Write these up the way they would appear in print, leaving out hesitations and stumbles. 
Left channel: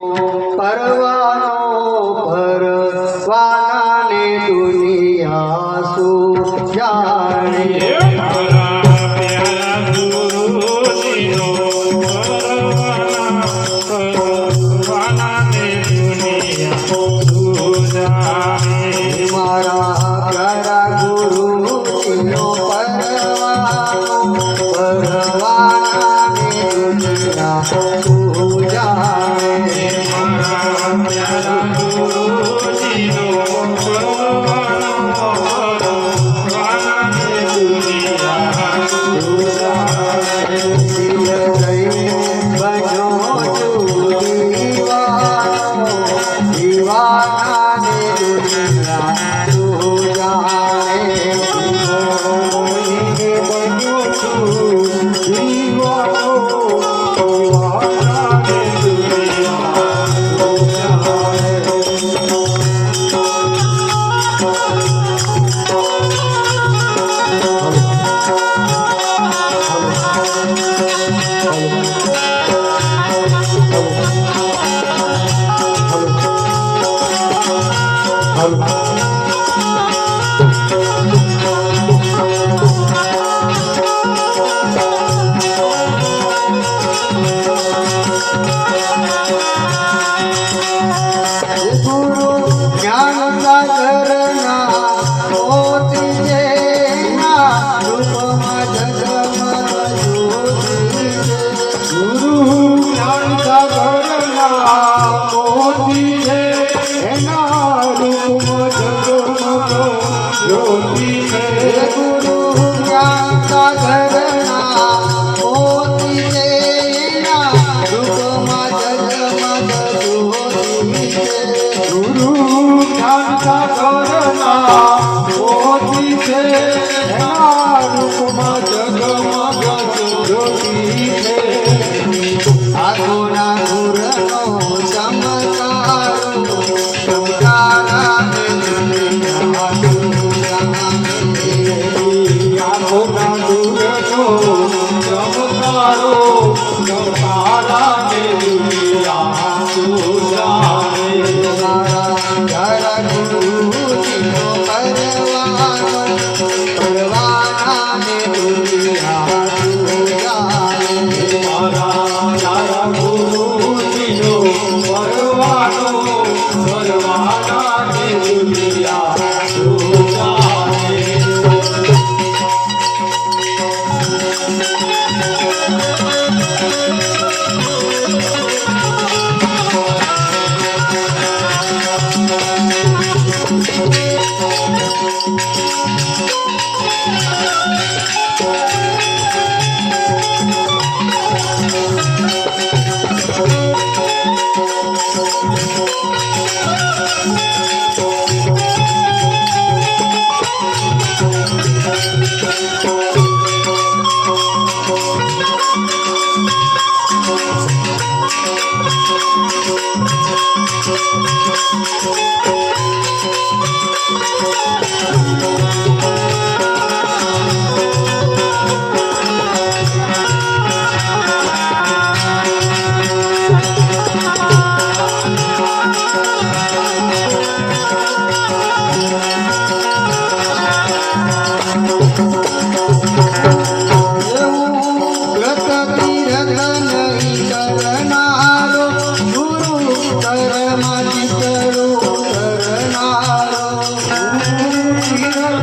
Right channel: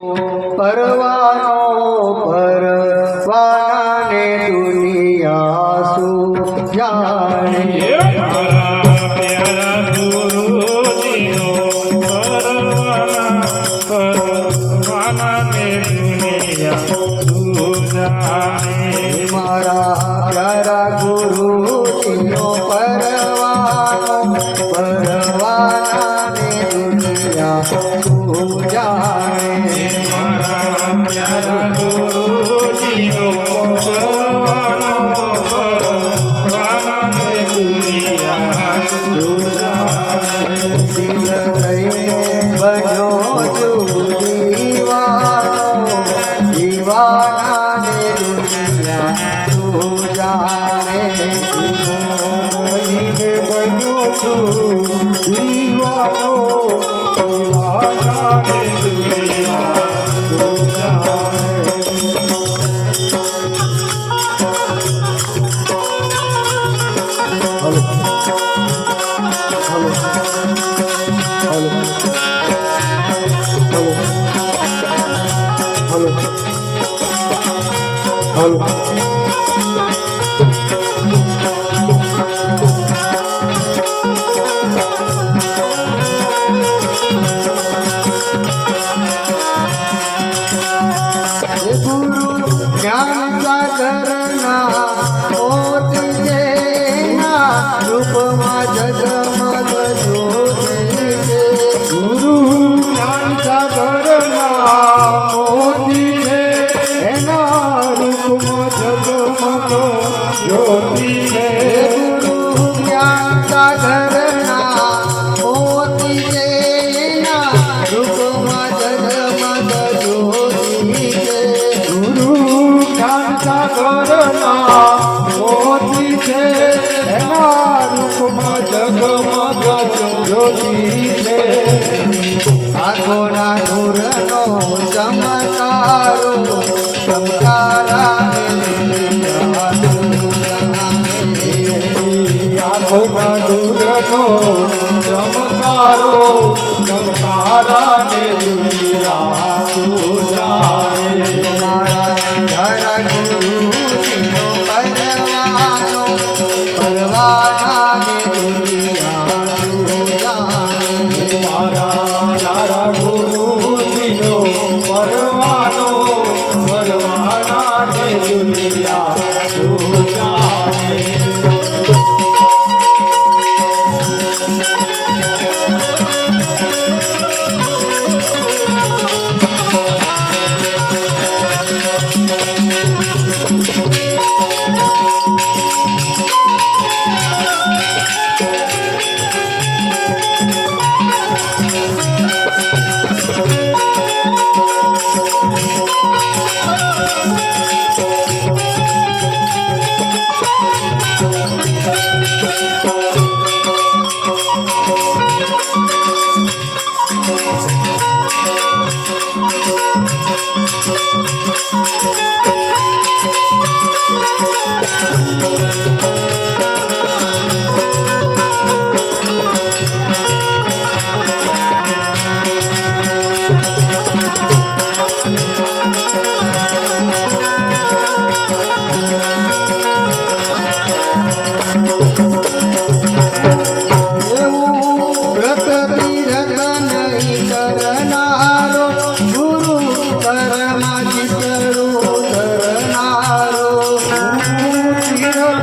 પરવાનો પરવાને દુનિયા શું જાણે મારા પ્યારા ગુરુજીનો પરવાનો પરવાને દુનિયા શું જાણે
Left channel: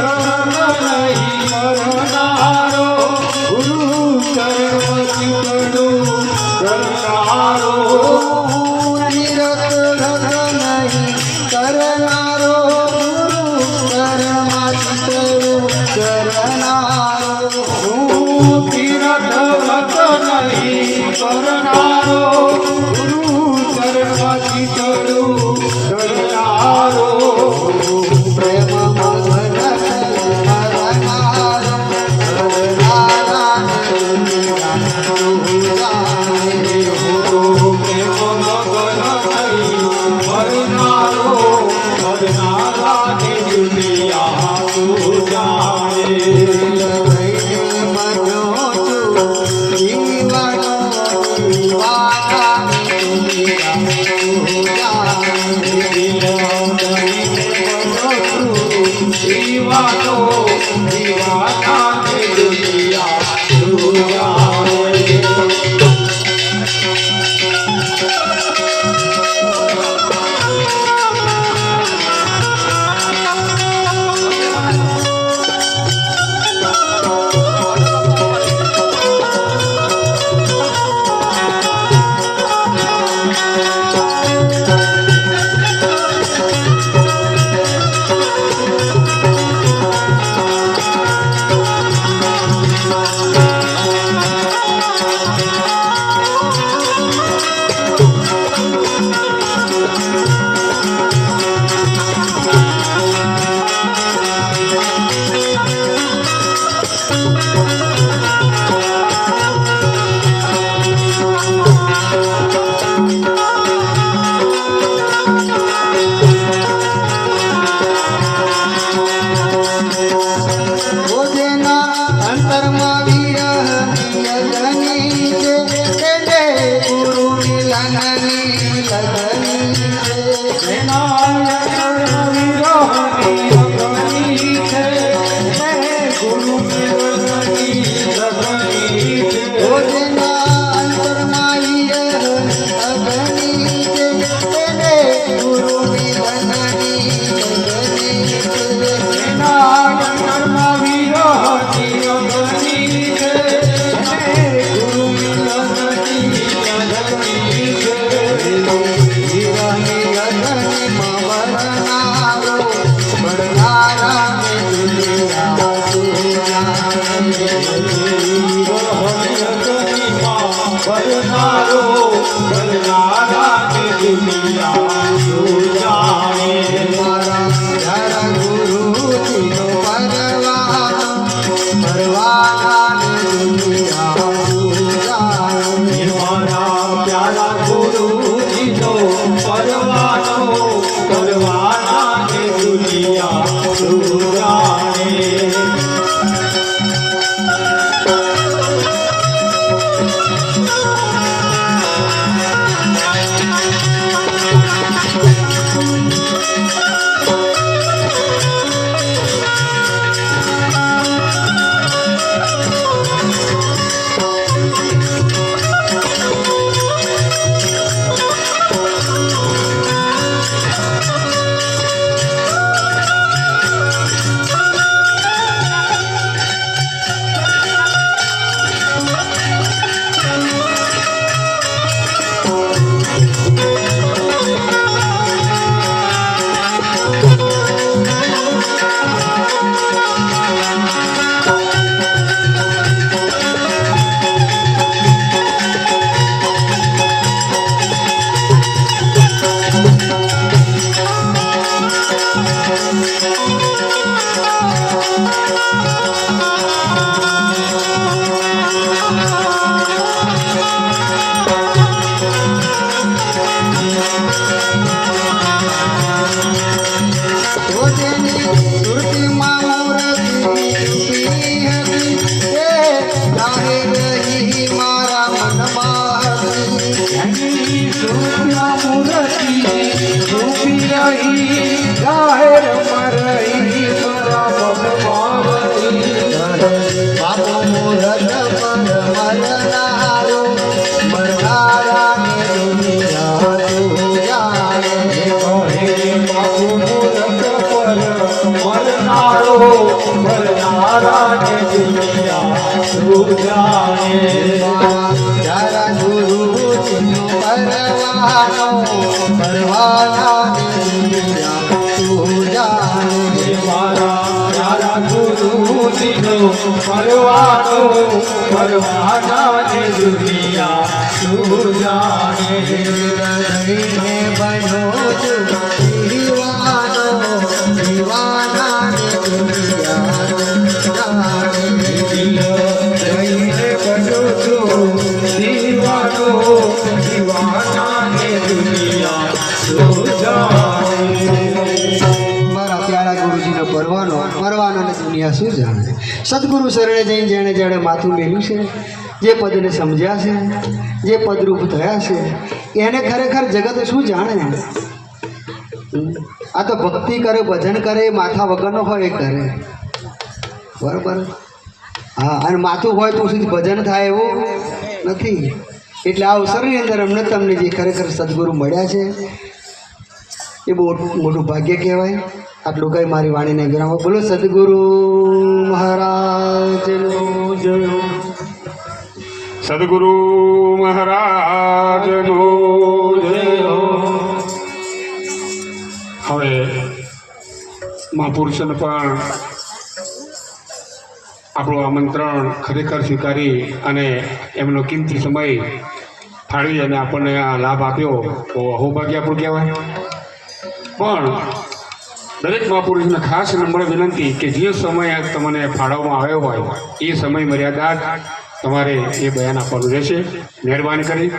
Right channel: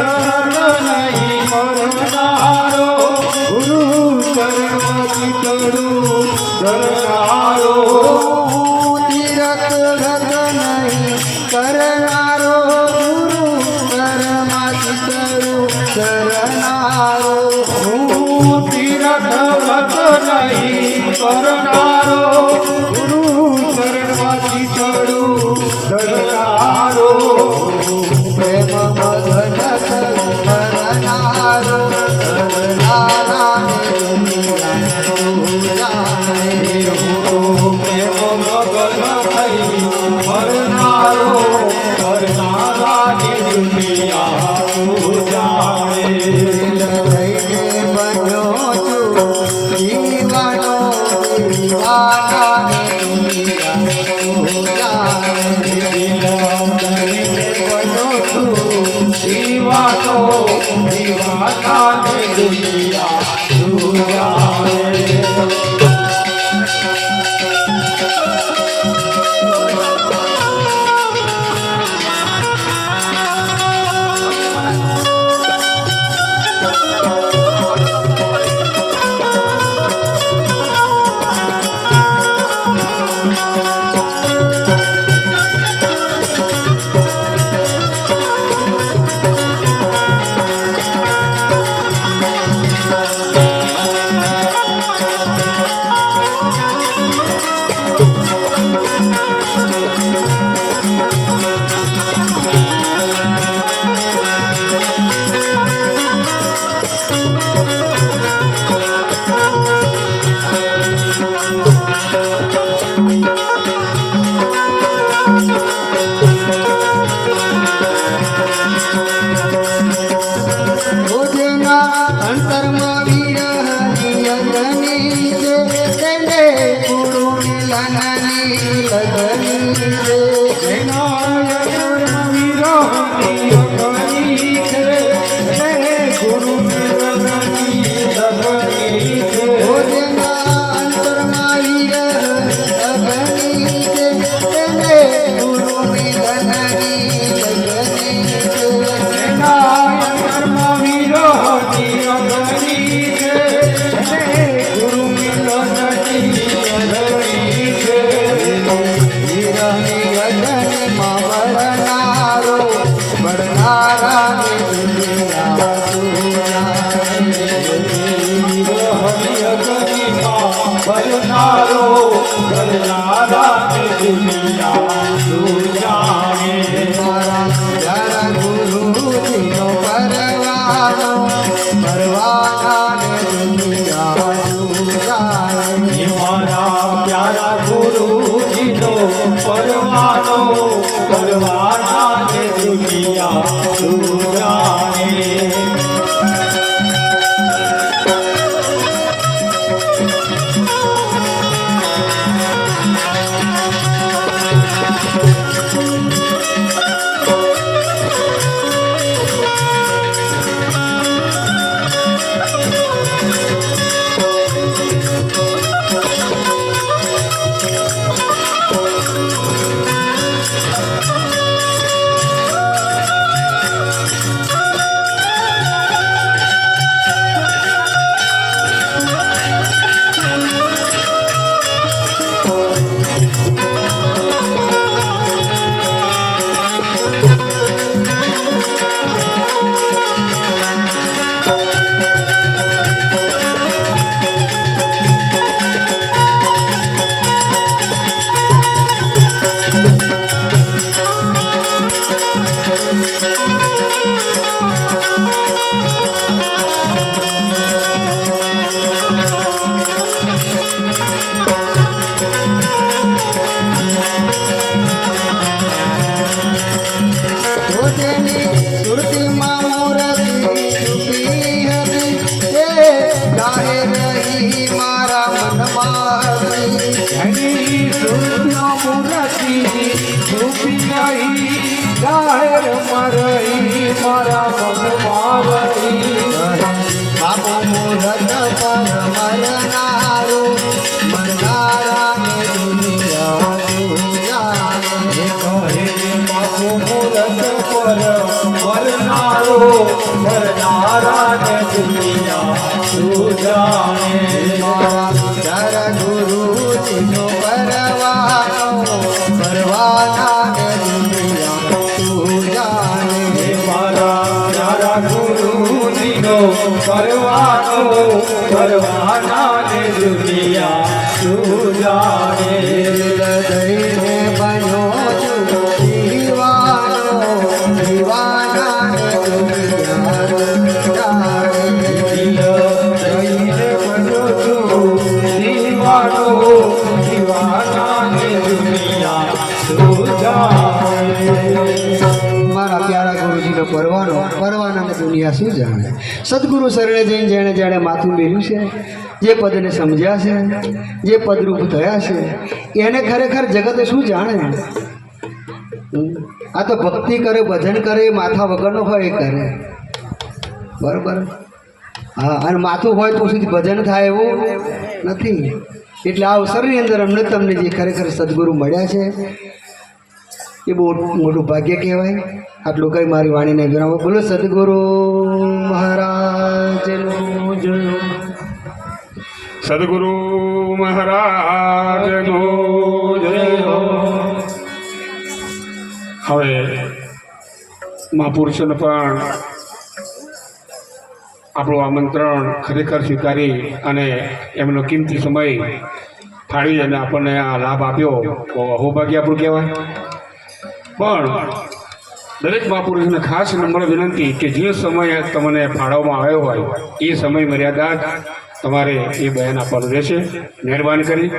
Yeah. લગની છે જેના લગન વિરહની અગની છે ગુરુને લગની લગની છે રોજના અંતરમાઈ અગની છે તેને ગુરુની વંદની લગની છે જેના લગન વિરહની અગની છે ગુરુની લગની લગની છે હીરાની લગનમાં વરનારો વરનારાને દુનિયા મારા ગુરુજીનો પરવાનો પરવાનાને દુનિયા તારા ગુરુજીનો પરવાનો પરવાનાને દુનિયા તું જાણે મારા ગુરુજીનો પરવાનો પરવાનાને દુનિયા તું જાણે હૃદયને બન્યો છું દીવાનો દીવાનાને દુનિયા જાણે જઈને બનો છું દીવાનો દીવાનાને દુનિયા તું જાણે મારા પ્યારા ગુરુજીનો પરવાનાને દુનિયા શું જાણે સદગુરુ શરણે જઈને જેણે જેણે માથું મેલ્યું છે જે પદને સમજ્યા છે જે પદરૂપ થયા છે એને ખરેખર જગત શું જાણે આ તો ભક્તિ કરે ભજન કરે એ માથા વગરનો હોય એ કરે બરાબર હા અને માથું હોય તો સુધી ભજન થાય એવું નથી એટલે આ અવસરની અંદર અમને તમને જે ખરેખર સદગુરુ મળ્યા છે એ બહુ મોટું ભાગ્ય કહેવાય આટલું કઈ મારી વાણીને વિરામ બોલો સદગુરુ મહારાજનું જય સદગુરુ મહારાજનો જય હો. હવે મહાપુરુષોને પણ આપણું આમંત્રણ ખરેખર સ્વીકારી અને એમનો કિંમતી સમય ફાળવી અને આપણને આ લાભ આપ્યો તો અહોભાગ્ય આપણું કહેવાય. પણ દરેક મહાપુરુષને ખાસ નમ્ર વિનંતી કે જે સમય તમને ફાળવવામાં આવ્યો હોય એ સમય મર્યાદા તમારે એ બયાન આપવાનું રહેશે. મહેરબાની કરી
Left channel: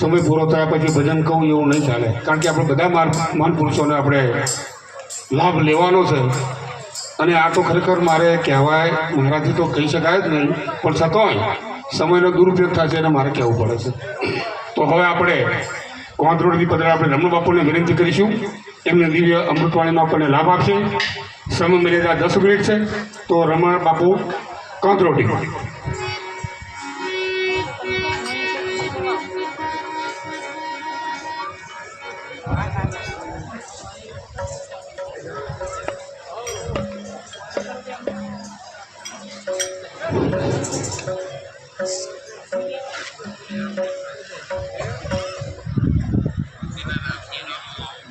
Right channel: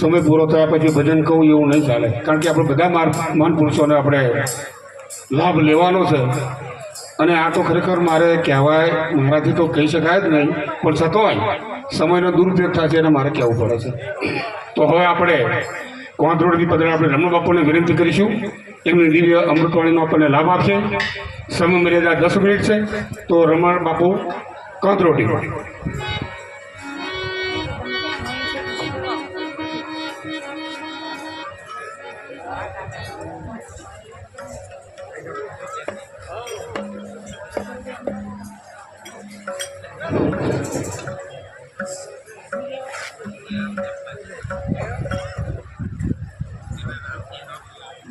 સમય પૂરો થયા પછી ભજન કહું એવું નહીં ચાલે, કારણ કે આપણે બધા મહાન પુરુષોને આપણે લાભ લેવાનો છે. અને આ તો ખરેખર મારે કહેવાય મારાથી તો કહી શકાય જ નહીં, પણ છતાંય સમયનો દુરુપયોગ થશે એને મારે કહેવું પડે છે. તો હવે આપણે કોંથરોડથી પધારેલા આપણે રમણ બાપુને વિનંતી કરીશું એમને દિવ્ય અમૃતવાણીનો આપણને લાભ આપશે. સમય મર્યાદા 10 મિનિટ છે. તો રમણ બાપુ કોંથરોડી.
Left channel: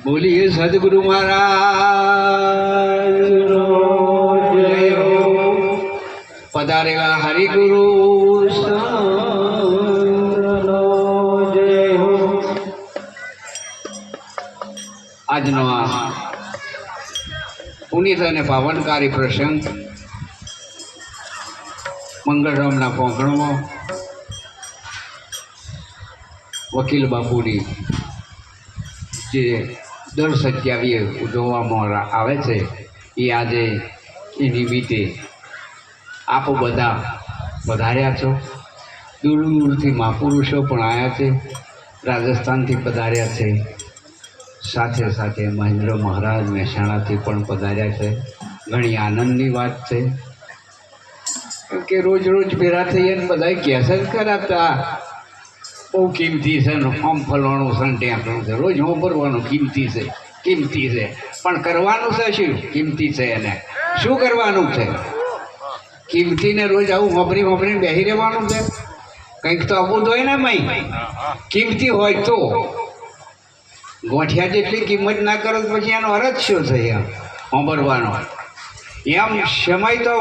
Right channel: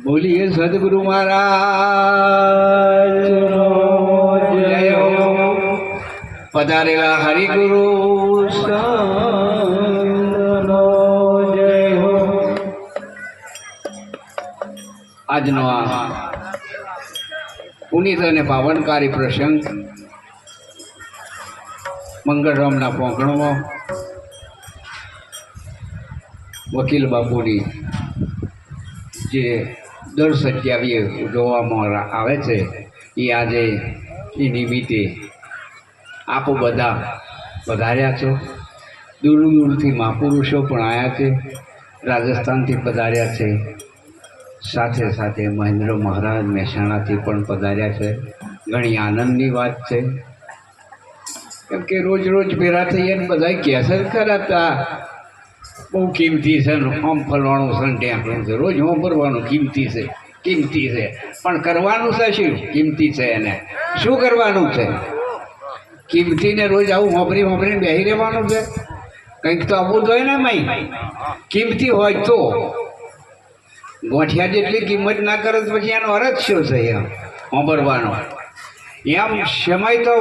બોલીએ સદગુરુ મહારાજનો જય હો. પધારેલા હરિગુરુ સંતનો જય હો. આજનો આ પુનિત અને પાવનકારી પ્રસંગ મંગળરામના પોંખણમાં વકીલ બાપુની જે દર 27 ઉજવવામાં આવે છે એ આજે એ નિમિત્તે આપ બધા પધાર્યા છો. દૂર દૂરથી મહાપુરુષો પણ આવ્યા છે, રાજસ્થાનથી પધાર્યા છે, સાથે સાથે મહેન્દ્ર મહારાજ મહેસાણાથી પણ પધાર્યા છે. ઘણી આનંદની વાત છે, કેમ કે રોજ રોજ ભેગા થઈએ ને બધા કહેશે કરાતા બહુ કિંમતી છે ને આમ ફલવાનું છે ને ટેકનું છે, રોજ વાપરવાનું કિંમતી છે કિંમતી છે, પણ કરવાનું છે શું કિંમતી છે એને શું કરવાનું છે? કિંમતીને રોજ આવું વાપરીને બેસી રહેવાનું છે? કંઈક તો આવવું જોઈએ ને મય. કિંમતી હોય તો ગોઠિયા જેટલી કિંમત ના કરે તો પછી એનો અર્થ શું છે એમ વાપરવાનો? એમ સમય તો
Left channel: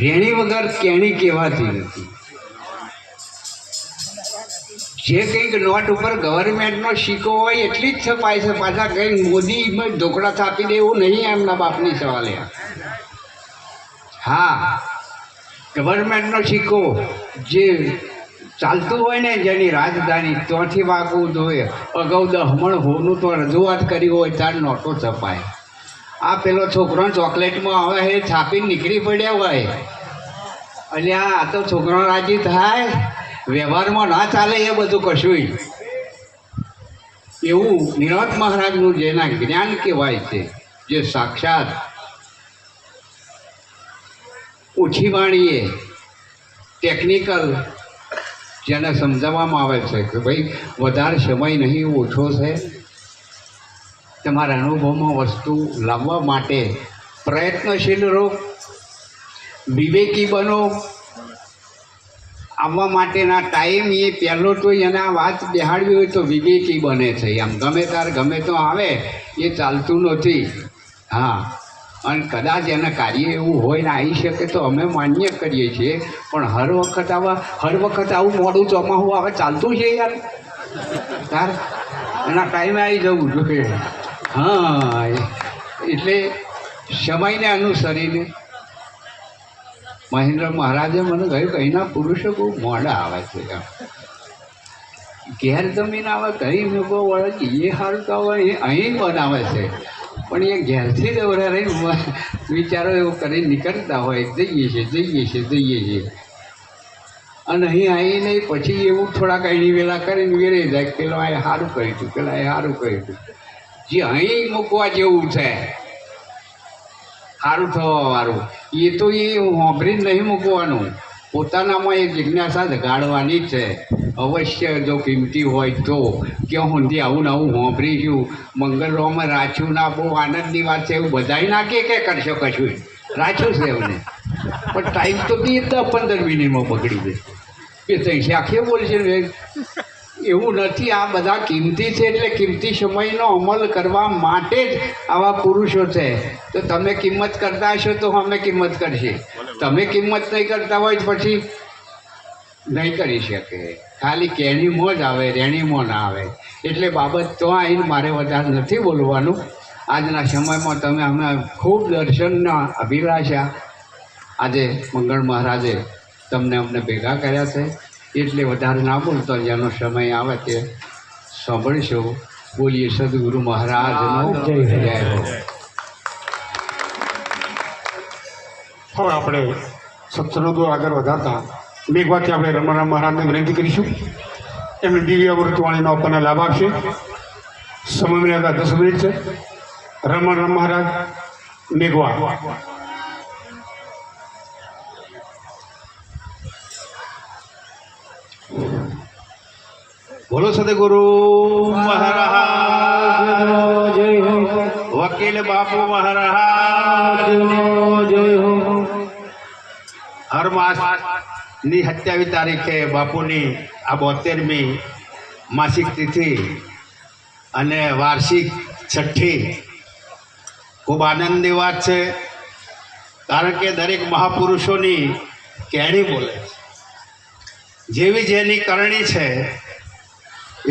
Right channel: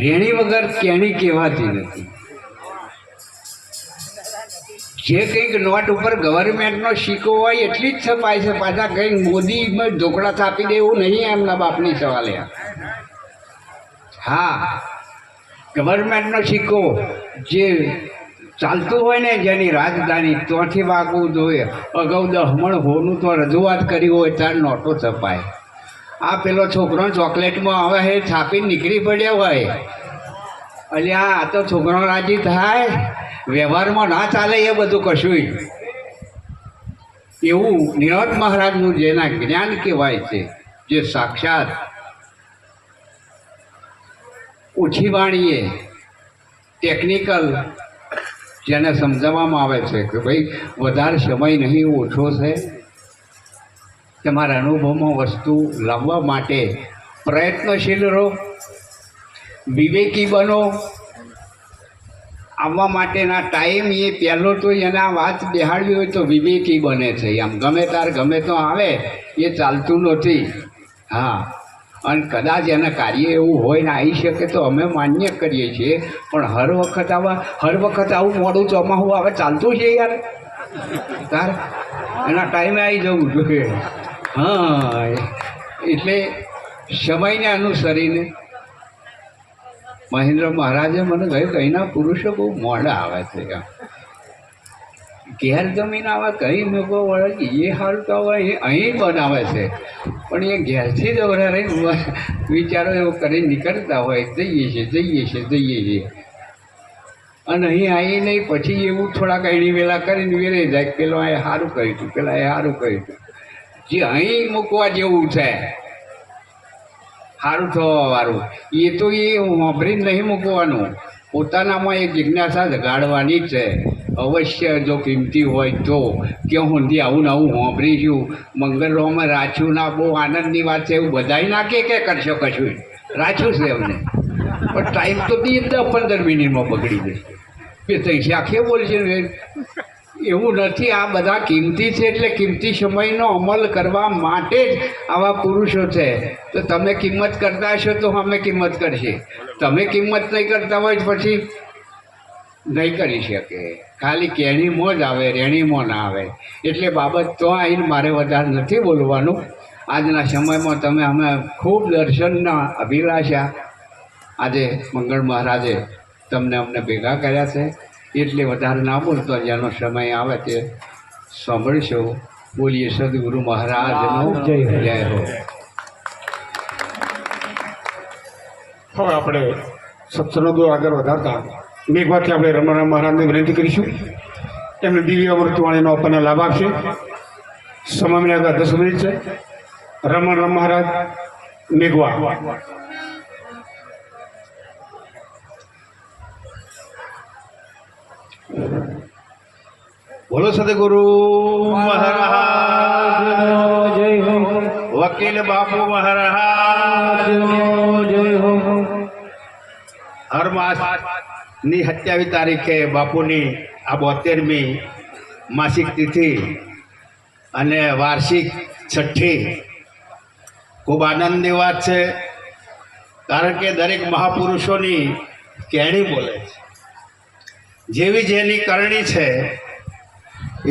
રેણી વગર કેણી કહેવાતી નથી. જે કંઈક નોટ ઉપર ગવર્મેન્ટનો સિક્કો હોય એટલી જ છપાય છે. પાછા કંઈક મોદીમાં ઢોકળા છાપી દે એવું નહીં એમના બાપની સવાલે. હા, ગવર્મેન્ટનો સિક્કો જે ચાલતું હોય ને જેની રાજધાની ત્યાંથી વાગવું જોઈએ. અગાઉ 10 મણ હોનું તો રજૂઆત કરી હોય ત્યારે નોટો છપાય. આ પેલો છોકરો ચોકલેટમાં આવે એ છાપીને નીકળી પડ્યા હોય. અલ્યા આ તો છોકરો રાજી થાય, વ્યવહારમાં ના ચાલે એ બધું કશું. એવું નિરંત મહારાજનું જેના જ્ઞાન કહેવાય છે, જે સાક્ષાત ઓછી વાણીએ ટેકનિકલ જેને સમજાવવામાં આવે છે કે ભાઈ વધારે સમય નહીં, ઓછો છે, તમારા અનુભવમાં વસ્તુ લાવવા માટે પ્રયત્નશીલ રહો, વિવેકી બનો. આવવા માટેના ટાઈમ એ પહેલો તો એને આ વાત બેહાડવી હોય તો વિવેકી બને છે. આમ ગમે તાર ગમે તો આવે એ ચાલતું નથી. હા, અને કદાચ એના કાર્ય એવું હોય ને આવી શકે તો અમે માન્ય કરીએ છીએ, પણ હર વખત આવું મોડું ચોમાસું આવે ચાલતું છે યાર. તાર એના ટાઈમે આવી જવું જોઈએ. હા, એટલે સમયને અનુસરીને મહેન્દ્ર મહારાજે મને કહ્યું કે અહીંના પુરુષો બહુ મોડા આવે છે. ઘેર જમીન આવે કહી લોકો વળે એ સારું તો હવે એ અહીં બનાવે છે, પણ એ ઘેરથી જ વધારે વિચારો એવું કરીને નીકળતા હોય જઈએ છીએ અને અહીં આવીને પછી એવું થોડાક અહીં વેલા કરીને વેરાઈ જાય. પેલો આ સારું કર્યું હતું, પેલા એ સારું કર્યું હતું. જે અહીં મૂકવા જેવું છે સારું થવાવાળું એ તો એ વાપરીને નહીં મૂકવાનું, પોતાનામાં એ જિજ્ઞાસા જગાડવાની જ છે. અવશ્ય જો કિંમતી હોય તો ક્યાં સુધી આવું ને આવું વાપરીશું, મંગળવારમાં રાખ્યું ના બહુ આનંદની વાત છે એવું બધાય ના કે કરશો કશું રાખ્યું છે એમને, પણ ટાઈમ તો બી 10-15 મિનિટમાં બગડી જશે. એ તૈસી આખે બોલશે ને એવું નથી. આ બધા કિંમતી છે એટલે કિંમતી સમયનો અમલ કરવા માટે જ આવા પુરુષો છે. તો તમે કિંમત કરતા હશો તો અમે કિંમત કરશે. તમે કિંમત નહીં કરતા હોય પછી નહીં કરી શકે. ખાલી કેણીમાં જ આવે, રેણીમાં ના આવે. એટલે બાબત તો આવીને મારે વધારે નથી બોલવાનું. આજના સમયમાં તમે અમે ખૂબ દર્શનના અભિલાષા આજે મંગળ મહારાજે તમને અમને ભેગા કર્યા છે, એટલે વધારે ના બોલતો જેનો સમય આવે તે સાંભળશો. બોલીએ સદગુરુ મહારાજનો જય હો. હવે આપણે સત્સંગો આગળ વધારતા મેઘવાથી આપણે રમણ મહારાજને વિનંતી કરીશું એમને દિવ્ય અમૃતવાણીનો આપણને લાભ આપશે. સમય મળ્યા 10 મિનિટ છે. રમણ મહારાજ મેઘવા. બોલો સદગુરુ મહારાજ વકીલ બાપુ મહારાજ હર માસની 27 તારીખે બાપુની આ 72મી માસિક તિથિ અને વાર્ષિક છઠ્ઠી ખૂબ આનંદની વાત છે. કારણ કે દરેક મહાપુરુષોની કહેણી બોલે છે. જેવી જેની કરણી છે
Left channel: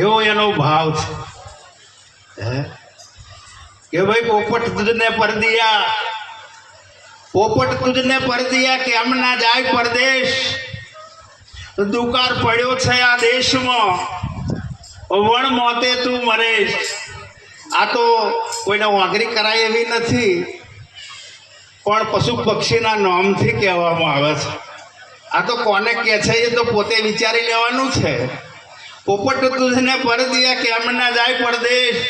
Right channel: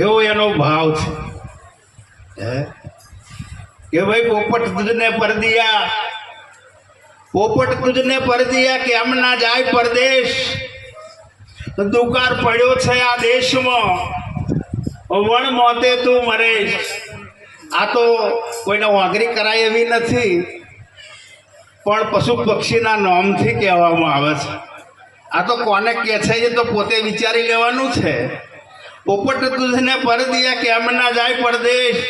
એવો એનો ભાવ છે. કે ભાઈ પોપટ તુજને પરદિયા, પોપટ તુજને પરદિયા કે આમ ના જાય પરદેશ. દુકાર પડ્યો છે આ દેશમાં, વણ મોતે તું મરેશ. આ તો કોઈને વાઘરી કરાય એવી નથી, પણ પશુ પક્ષીના નામથી કહેવામાં આવે છે. આ તો કોને કહે છે એ તો પોતે વિચારી લેવાનું છે. પોપટ તુજને પરદિયા કે આમ ના જાય પરદેશ.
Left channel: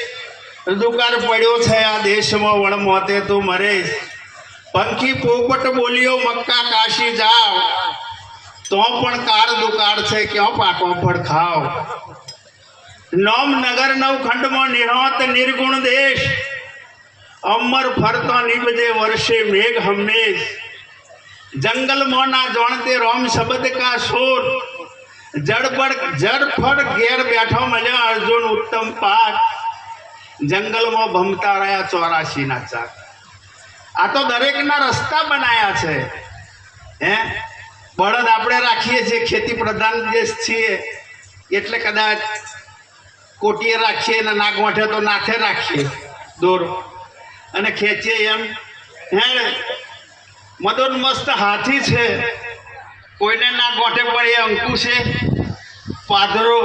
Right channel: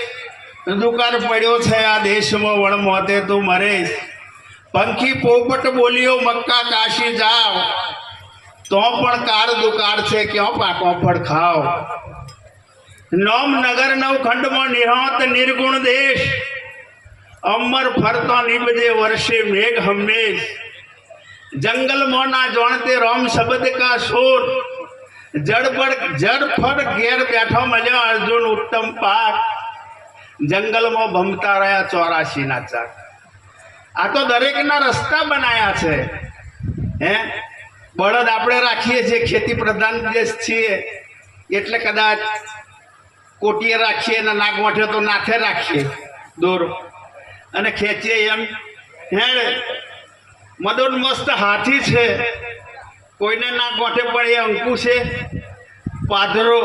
દુકાર પડ્યો છે આ દેશમાં, વણ મોતે તું મરેશ. પંખી પોપટ બોલ્યો મક્કા કાશી જાવ, તો પણ કાર દુકાર છે ક્યાં પાકો ફળ ખાવ. નોમ નગર નવખંડમાં નિહોત નિર્ગુણ દેશ, અમર ફરતો નિબજે વર્ષે મેઘ હંમેશ. જંગલમાં ના જાણતે રોમ શબ્દ કા શોર, જડફળ ઘેર બેઠો મળ્યો અર્જુન ઉત્તમ પાઠ. જંગલમાં ભમતા રહ્યા 84 ના ચાક. આ તો દરેકના રસ્તા બનાયા છે. બળદ આપણે રાખીએ છીએ, ખેતી પ્રધાન દેશ છીએ એટલે કદાચ કોટીએ રાખીએ ને નાક વાંઠે તો નાખે રાખીએ દોરો અને ખેંચીએ એમ. મદોન મસ્ત હાથી છે, કોઈને નાક વાંઠે પણ એ અંકુ છે પાદરો.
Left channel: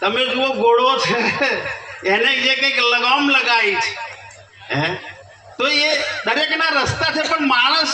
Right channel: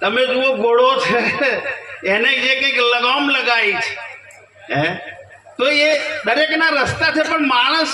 તમે જુઓ ઘોડો છે, એને જે કંઈક લગામ લગાવી છે. તો એ દરેકના રસ્તા છે, પણ માણસ